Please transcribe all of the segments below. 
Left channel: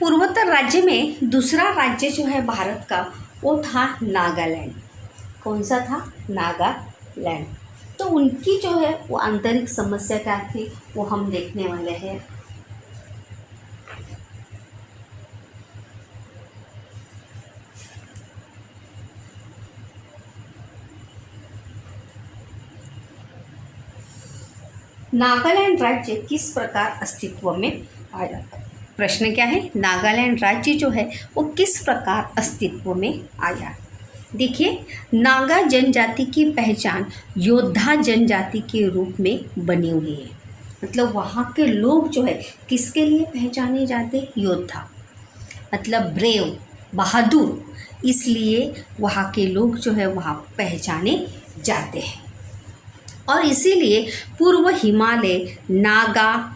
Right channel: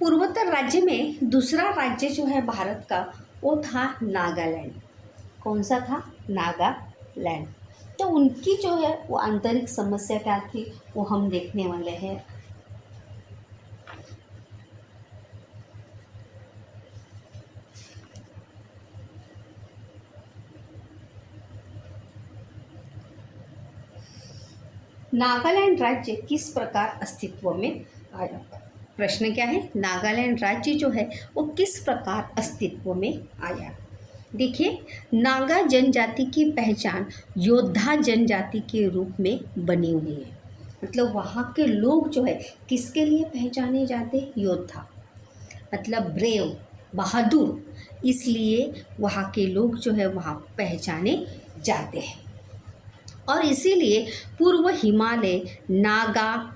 पूर्वोत्तर राज्य में दूसरा राज्य जो है भारत का वो था नागालैंड। कौन सा था? नागालैंड। तो उनकी जो है वो आंतरिक समस्या क्या थी वो हम देखने वाले हैं। नागालैंड राज्य किस प्रकार अस्तित्व में आया? प्रश्न क्या है? नागालैंड राज्य जो है वो किस प्रकार अस्तित्व में आया? देखिए, नागा जनजाति की पहचान योद्धा जनजाति के रूप में बनी हुई है। मतलब वहाँ के लोग जो है किसके लिए पहचाने जाते? योद्धा, मतलब ब्रेव, बहादुर। इसलिए वहाँ के लोग जो है वहाँ पहचाने जाते हैं। और इसीलिए पूर्व हिमालय, नागा,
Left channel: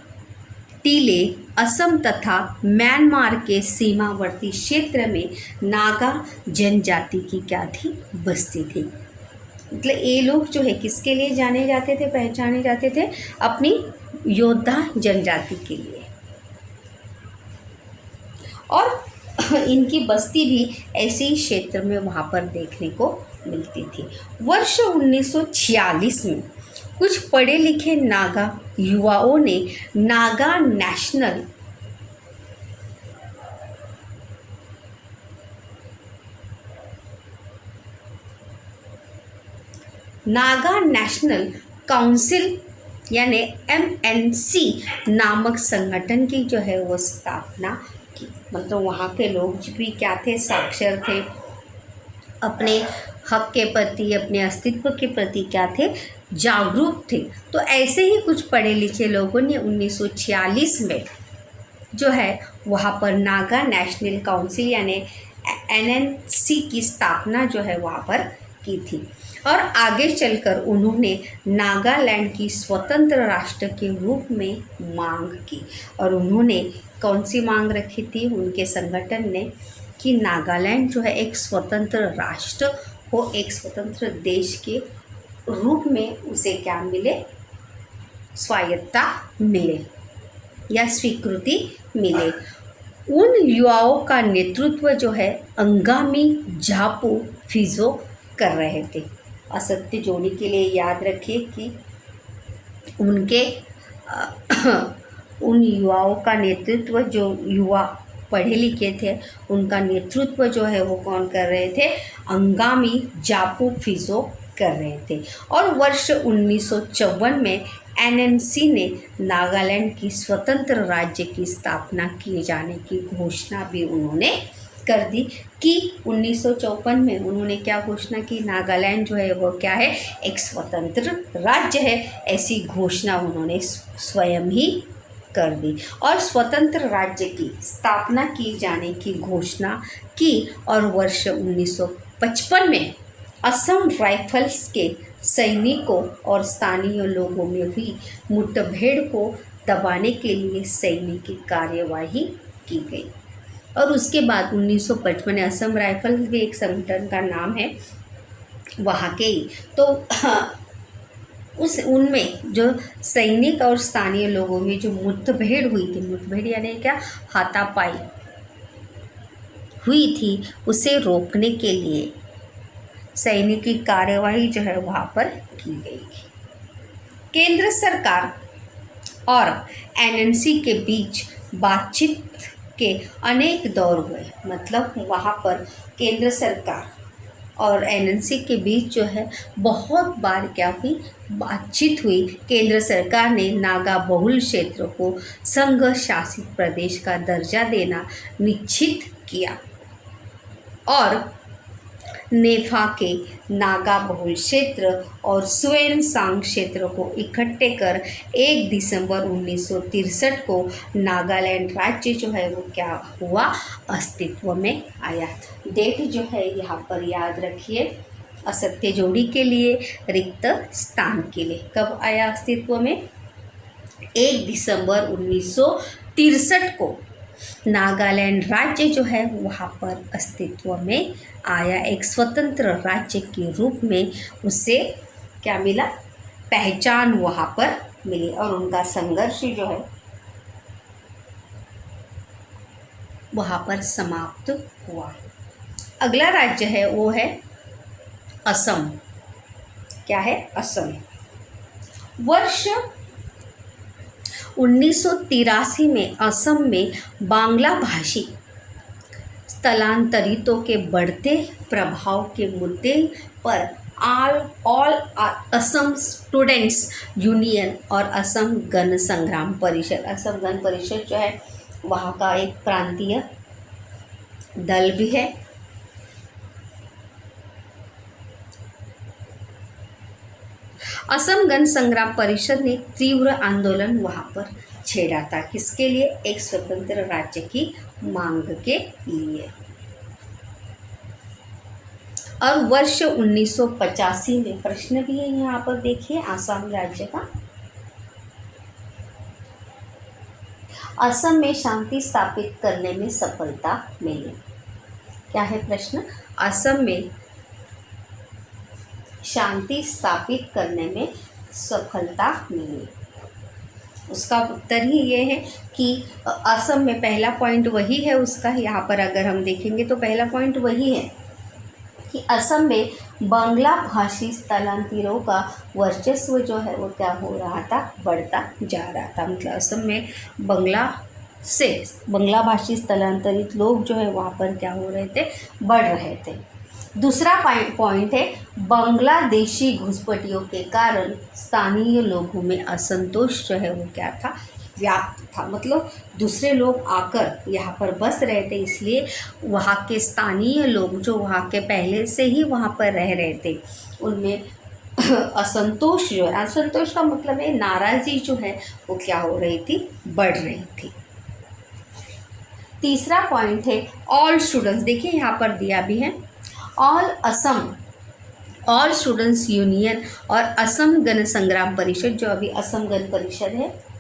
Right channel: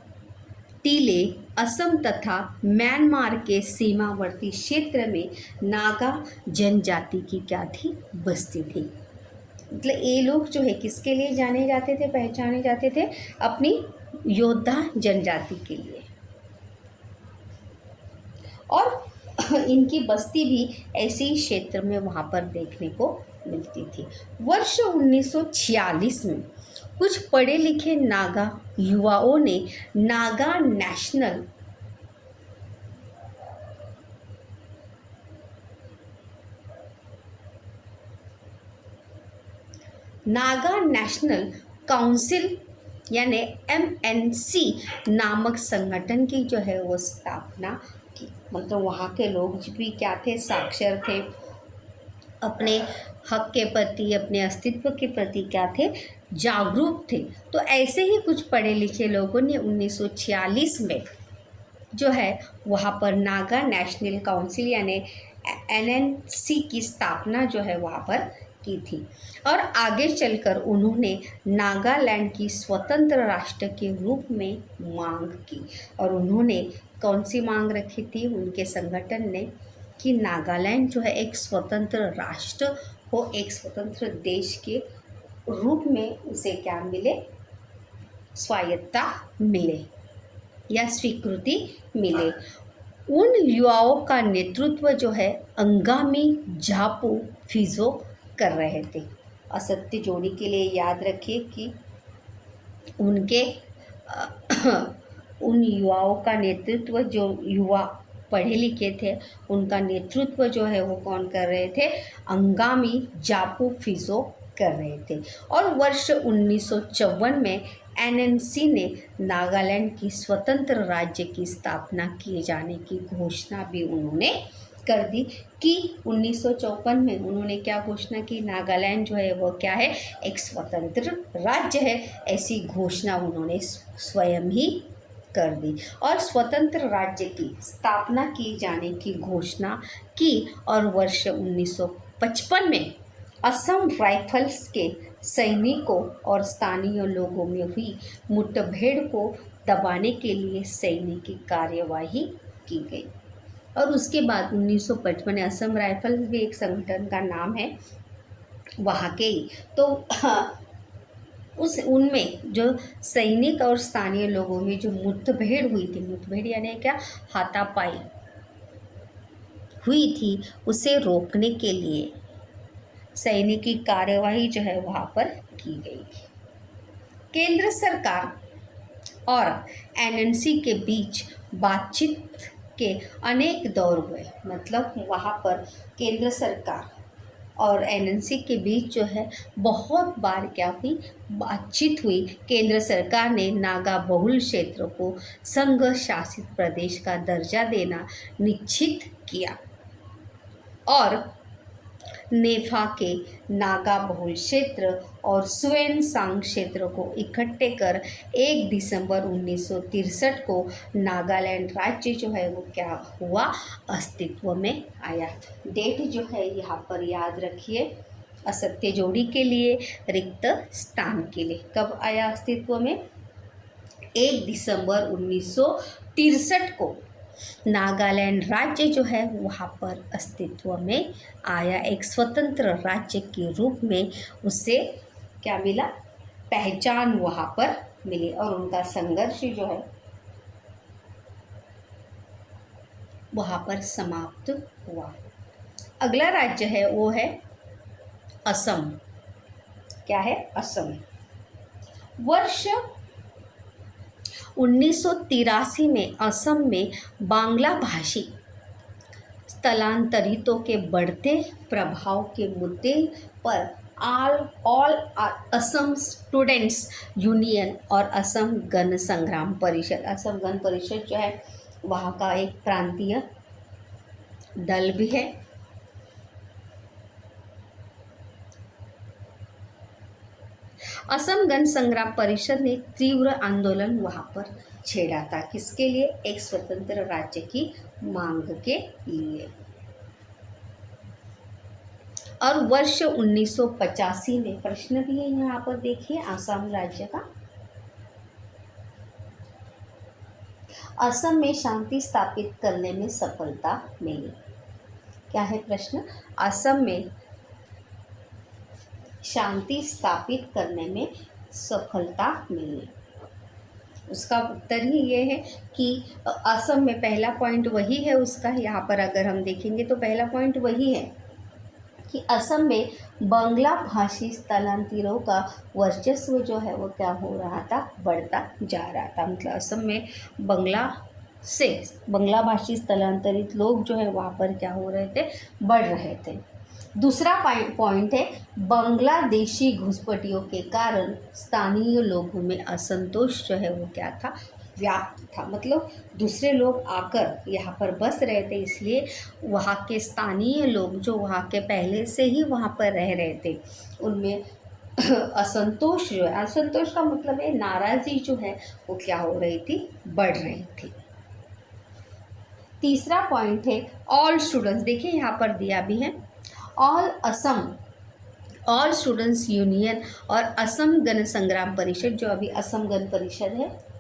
टीले, असम तथा म्यांमार के सीमावर्ती क्षेत्र में नागा जनजाति की क्या थी? बस्ती थी। मतलब ये लोग जो है किसके लिए जाने जाते थे, पहचाने जाते थे? अपनी योद्धा जनजाति के लिए। और इनकी बस्ती भी ऐसे ही क्षेत्र में वहाँ पर देखने को मिलती थी। वर्ष 1946 में कुछ पढ़े लिखे नागा युवाओं ने नागा नेशनल काउंसिल यानी MNC नामक संगठन की जो है वो स्थापना की। मतलब वहाँ के लोग भी क्या थे? साक्षर थे, अपने हक के प्रति, अपने अस्तित्व के प्रति क्या थे? जागरूक थे। तो ऐसे ही कुछ पढ़े लिखे लोगों ने 1946 में जो है वहाँ पर नागा नेशनल काउंसिल यानी NNC की स्थापना जो है वहाँ पर की थी। और आगे चलकर उन्होंने नागालैंड की स्वतंत्र राष्ट्र के रूप में मांग की। और उन्होंने कौन सी मांग रखी थी उनके संगठन ने? कि नागालैंड जो है एक स्वतंत्र राष्ट्र हो, एक स्वतंत्र देश के रूप में उसे क्या मिले? स्वायत्तता मिले या स्वीकृति मिले। उन युवाओं का नेतृत्व जो है अंगामी झापू फिजो कर रहे थे। असत्य जोड़ी के लिए याद रखिए कि उनके उन युवाओं का नेतृत्व, जो युवा पढ़े लिखे थे उनका नेतृत्व जो है वो कौन कर रहे थे? अंगामी झापू फिजो कर रहे थे। और वर्ष 1954 में NNC ने नागालैंड की स्वतंत्र राज्य की स्थापना किए जाने की घोषणा भी उन्होंने कर दी। कि 1954 में उन्होंने क्या घोषणा की? नागालैंड जो है वो क्या है? एक स्वतंत्र राज्य है। ऐसी घोषणा उन्होंने स्वयं ही कर दी और स्वतंत्र राज्य की स्थापना की जाने की घोषणा की। और वर्ष 1955 में असम राइफल्स के सैनिकों और स्थानीय लोगों में हुई मुठभेड़ को दबाने के लिए सैनिक कार्यवाही की गई। और उसके बाद 1955 में असम राइफल्स भी एक संगठन का नाम है वहाँ के ही। तो उनमें जो सैनिक और स्थानीय लोगों में जो मुठभेड़ हुई थी, मुठभेड़ यानी क्या? हाथापाई हुई थी, उसे रोकने के लिए सैनिक की कार्यवाही जो है वहाँ पर की गई। केंद्र सरकार और NNC के बीच बातचीत के अनेक दौर हुए। मतलब वहाँ पर केंद्र सरकार और NNC के बीच जो है बहुत बार क्या हुई? बातचीत हुई। केंद्र सरकार ने नागा बहुल क्षेत्र को संघ शासित प्रदेश का दर्जा देना निश्चित किया और नेफा के नागा बहुल क्षेत्र और स्वेनसांग क्षेत्र को इकट्ठे कर 1 दिसंबर 1963 को नागालैंड राज्य जो है वो क्या हुआ? अस्तित्व में आया। डेट जो है यहाँ पर याद रखिए, असत्य जोड़ी के लिए, रिक्त स्थान के लिए। कब आया अस्तित्व में? 1 दिसंबर 1963 को नागालैंड राज्य जो है वहाँ पर अस्तित्व में आया। एक स्वतंत्र राज्य के रूप में उसे क्या मिला? पहचान वहाँ पर मिली। और उनका संघर्ष जो है वहाँ पर समाप्त हुआ। अगला राज्य है वो है असम। क्या है? असम। वर्ष 1983 में असम में बांग्ला भाषी स्थलांतरितों के बढ़ते प्रभाव के मुद्दे पर ऑल असम स्टूडेंट्स यूनियन और असम गण संग्राम परिषद, असम गण परिषद जो है वहाँ का एक प्रांतीय दल भी है। असम गण संग्राम परिषद ने तीव्र आंदोलन वहाँ पर छेड़ा था। किसके लिए? एक स्वतंत्र राज्य की मांग के लिए। और वर्ष 1985 में प्रश्न भी है यहाँ पर, देखिए आसाम राज्य का। असम में शांति स्थापित करने में सफलता मिली। क्या है प्रश्न? असम में शांति स्थापित करने में सफलता मिली। उसका उत्तर ही ये है कि असम में पहला पॉइंट वही है उसका। यहाँ पर अगर हम देखेंगे तो पहला पॉइंट वही है कि असम में बांग्ला भाषी स्थलांतरियों का वर्चस्व जो है वो क्या हो रहा था? बढ़ता जा रहा था। मतलब असम में बांग्ला भाषी स्थलांतरित लोग जो है वहाँ पर क्या हो रहे थे? बढ़ रहे थे। दूसरा पॉइंट है बांग्लादेशी घुसपैठियों के कारण स्थानीय लोगों में असंतोष जो है वो क्या था? व्याप्त था। मतलब दूसरे लोग आकर यहाँ पर बस रहे थे, इसलिए वहाँ के स्थानीय लोग जो वहाँ के पहले से ही वहाँ पर रह रहे थे उनमें असंतोष जो है, असंतोष का मतलब है नाराज़गी जो है वो क्या हो रही थी? बढ़ रही थी। तीसरा पॉइंट है ऑल स्टूडेंट्स। देखिए यहाँ पर दिया भी है ऑल स्टूडेंट्स यूनियन और असम गण संग्राम परिषद, जो अभी असम गण परिषद है,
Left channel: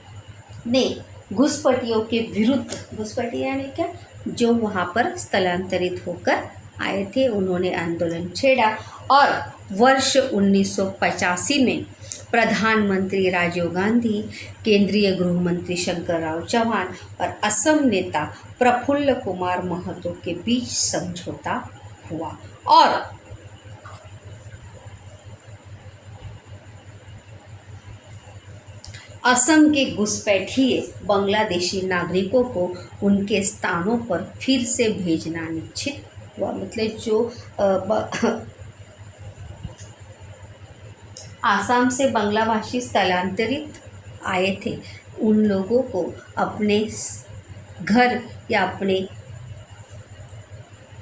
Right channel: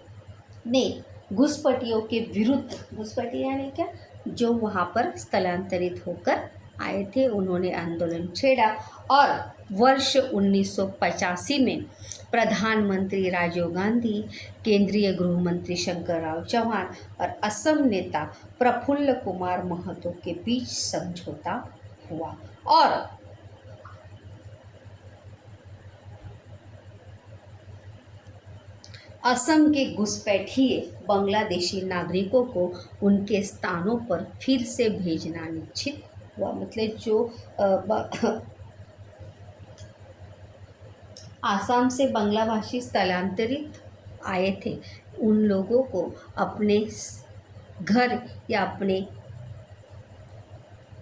ने घुसपैठियों के विरुद्ध, घुसपैठी यानी क्या? जो वहाँ पर स्थलांतरित होकर आए थे, उन्होंने आंदोलन छेड़ा। और वर्ष 1985 में प्रधानमंत्री राजीव गांधी, केंद्रीय गृह मंत्री शंकरराव चौहान और असम नेता प्रफुल्ल कुमार महतो के बीच समझौता हुआ और असम के घुसपैठिए बांग्लादेशी नागरिकों को उनके स्थानों पर फिर से भेजना निश्चित हुआ। मतलब जो आसाम से बांग्ला भाषी स्थलांतरित आए थे उन लोगों को अपने घर या अपने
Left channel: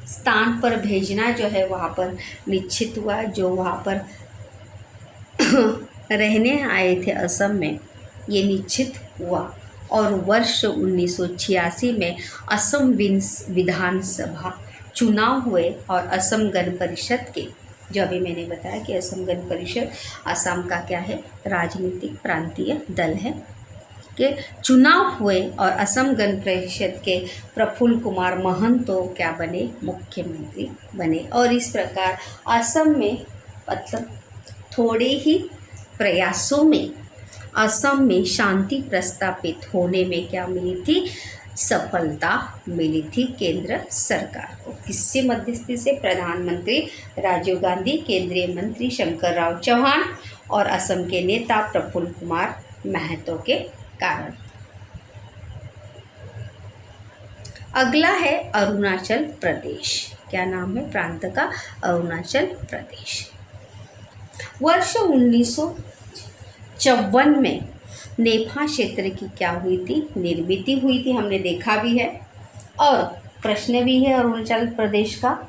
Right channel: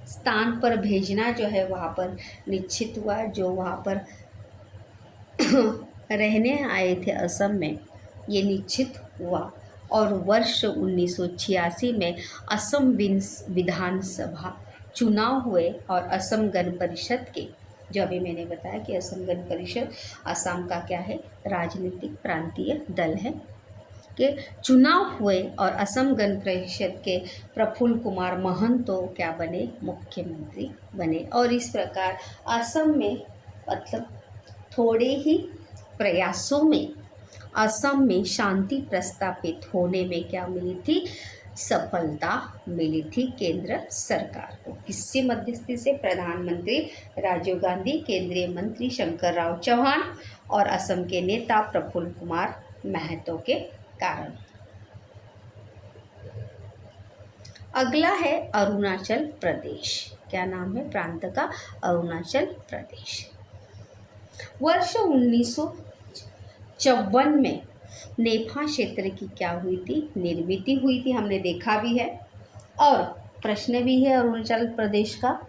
स्थान पर भेजना जो है वहाँ पर निश्चित हुआ। जो वहाँ पर रहने आए थे असम में, ये निश्चित हुआ। और वर्ष 1986 में असम विधानसभा चुनाव हुए और असम गण परिषद के, जो अभी मैंने बताया कि असम गण परिषद असम का क्या है? राजनीतिक प्रांतीय दल है, के चुनाव हुए और असम गण परिषद के प्रफुल्ल कुमार महतो क्या बने? मुख्यमंत्री बने। और इस प्रकार असम में मतलब थोड़े ही प्रयासों में असम में शांति प्रस्तापित होने में क्या मिली थी? सफलता मिली थी केंद्र सरकार को। किससे मध्यस्थी से? प्रधानमंत्री राजीव गांधी, केंद्रीय मंत्री शंकरराव चौहान और असम के नेता प्रफुल्ल कुमार महतो के कारण। अगला है अरुणाचल प्रदेश। क्या नाम है प्रांत का? अरुणाचल प्रदेश। वर्ष 1954 में नेफा क्षेत्र की क्या हुई थी? निर्मित हुई थी, हमने देखा भी है और प्रश्न भी है अरुणाचल प्रदेश का।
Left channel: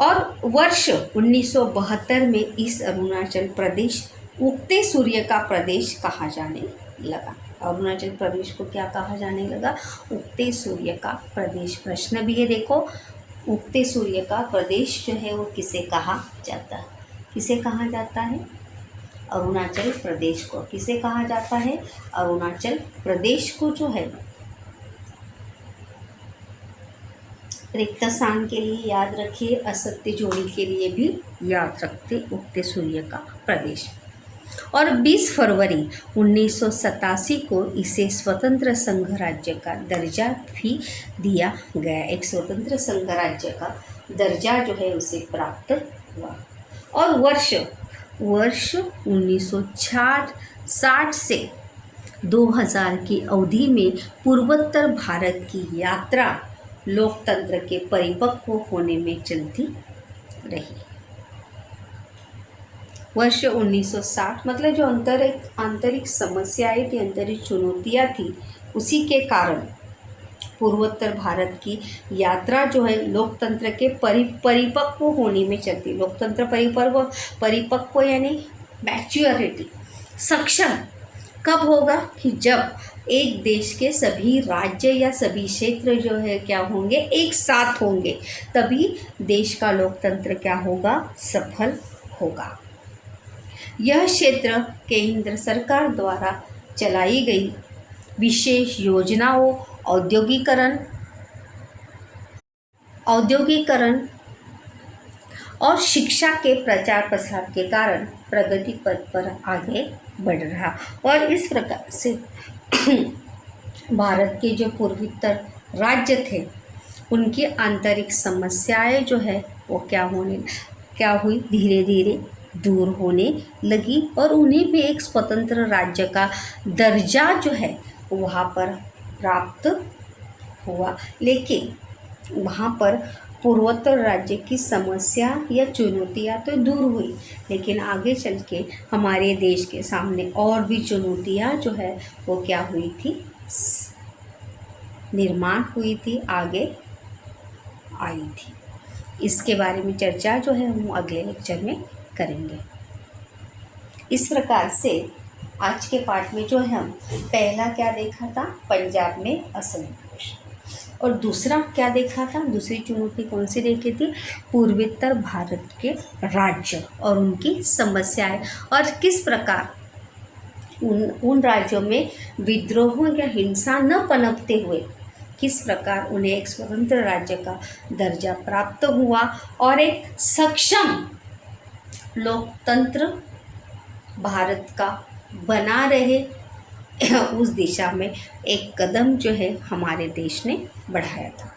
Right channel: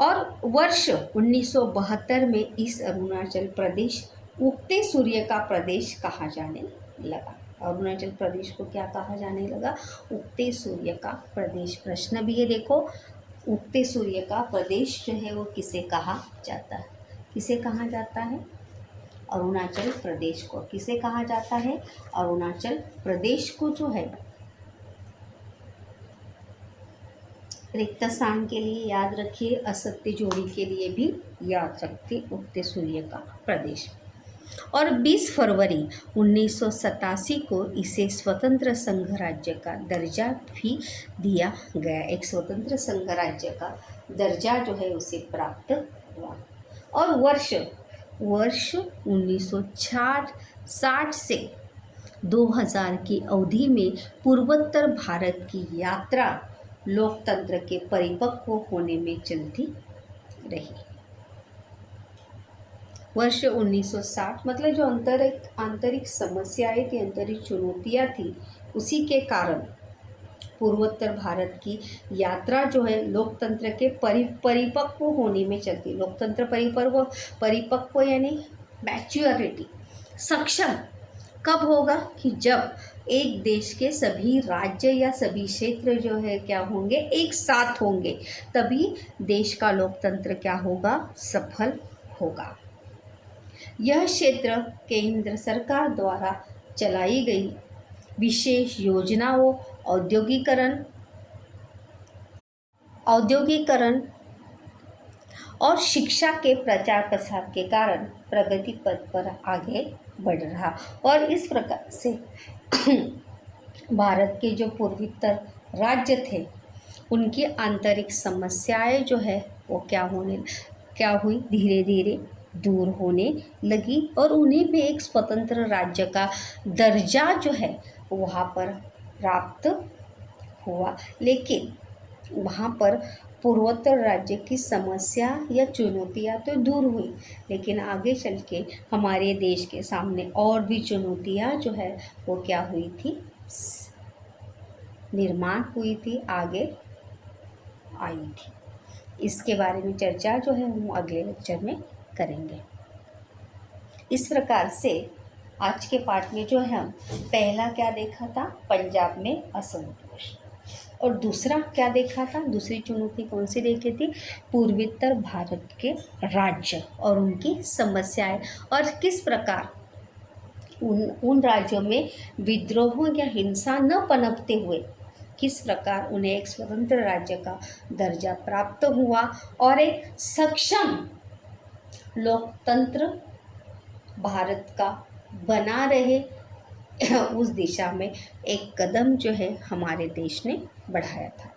और वर्ष 1972 में इस अरुणाचल प्रदेश उगते सूर्य का प्रदेश कहा जाने लगा। अरुणाचल प्रदेश को क्या कहा जाने लगा? उगते सूर्य का प्रदेश। प्रश्न भी है देखो, उगते सूर्य का प्रदेश जो है वो किसे कहा जाता है? किसे कहा जाता है? अरुणाचल प्रदेश को। किसे कहा जाता है? अरुणाचल प्रदेश को जो है। रिक्त स्थान के लिए याद रखिए, असत्य जोड़ी के लिए भी याद रखते उगते सूर्य का प्रदेश। और 20 फरवरी 1987 को इसे स्वतंत्र संघ राज्य का दर्जा भी दिया गया। एक स्वतंत्र संघ राज्य का दर्जा जो है उसे प्राप्त हुआ। और वर्ष 1960 से 2000 की अवधि में पूर्वोत्तर भारत की यात्रा लोकतंत्र के परिपक्व होने में चलती रही। वर्ष 1960 मतलब जो आंतरिक समस्याएं थी, आंतरिक चुनौतियां थी, उसी के कारण पूर्वोत्तर भारत की यात्रा जो है लोकतंत्र के परिपक्व होने में चलती। लोकतंत्र परिपक्व यानी मैच्योरिटी, सक्षम कब होगा कि जब एक देश के सभी राज्य या सभी क्षेत्र जो है क्या होंगे, एक साथ होंगे, तभी देश का लोकतंत्र क्या होगा, सफल होगा। यह क्षेत्र केंद्र सरकार द्वारा चलाई गई विशेष योजनाओं, औद्योगिकरण और शिक्षा के प्रचार प्रसार के कारण प्रगति पथ पर आगे बढ़ रहा। और इस प्रकार से भारत के जो पूर्वोत्तर राज्य थे उनकी आंतरिक समस्याएं जो है वो क्या हुई, धीरे धीरे दूर होने लगी और उन्हें भी एक स्वतंत्र राज्य का दर्जा जो है वहाँ पर प्राप्त हुआ। लेकिन वहाँ पर पूर्वोत्तर राज्य की समस्या या चुनौतियाँ तो दूर हुई, लेकिन आगे चल के हमारे देश के सामने और भी चुनौतियाँ जो है वो क्या हुई थी, निर्माण हुई थी, आगे आई थी। इसके बारे में चर्चा जो है हम अगले लेक्चर में करेंगे। इस प्रकार से आज के पाठ में जो है हम पहला क्या देखा था, पंजाब में असंतोष, और दूसरा क्या देखा था, दूसरी चुनौती कौन सी देखी थी, पूर्वोत्तर भारत के राज्य और उनकी समस्याएं, और किस प्रकार उन राज्यों में विद्रोह या हिंसा न पनपते हुए किस प्रकार उन्हें एक स्वतंत्र राज्य का दर्जा प्राप्त हुआ और एक सक्षम लोकतंत्र भारत का बना रहे, उस दिशा में एक कदम जो है हमारे देश ने बढ़ाया था।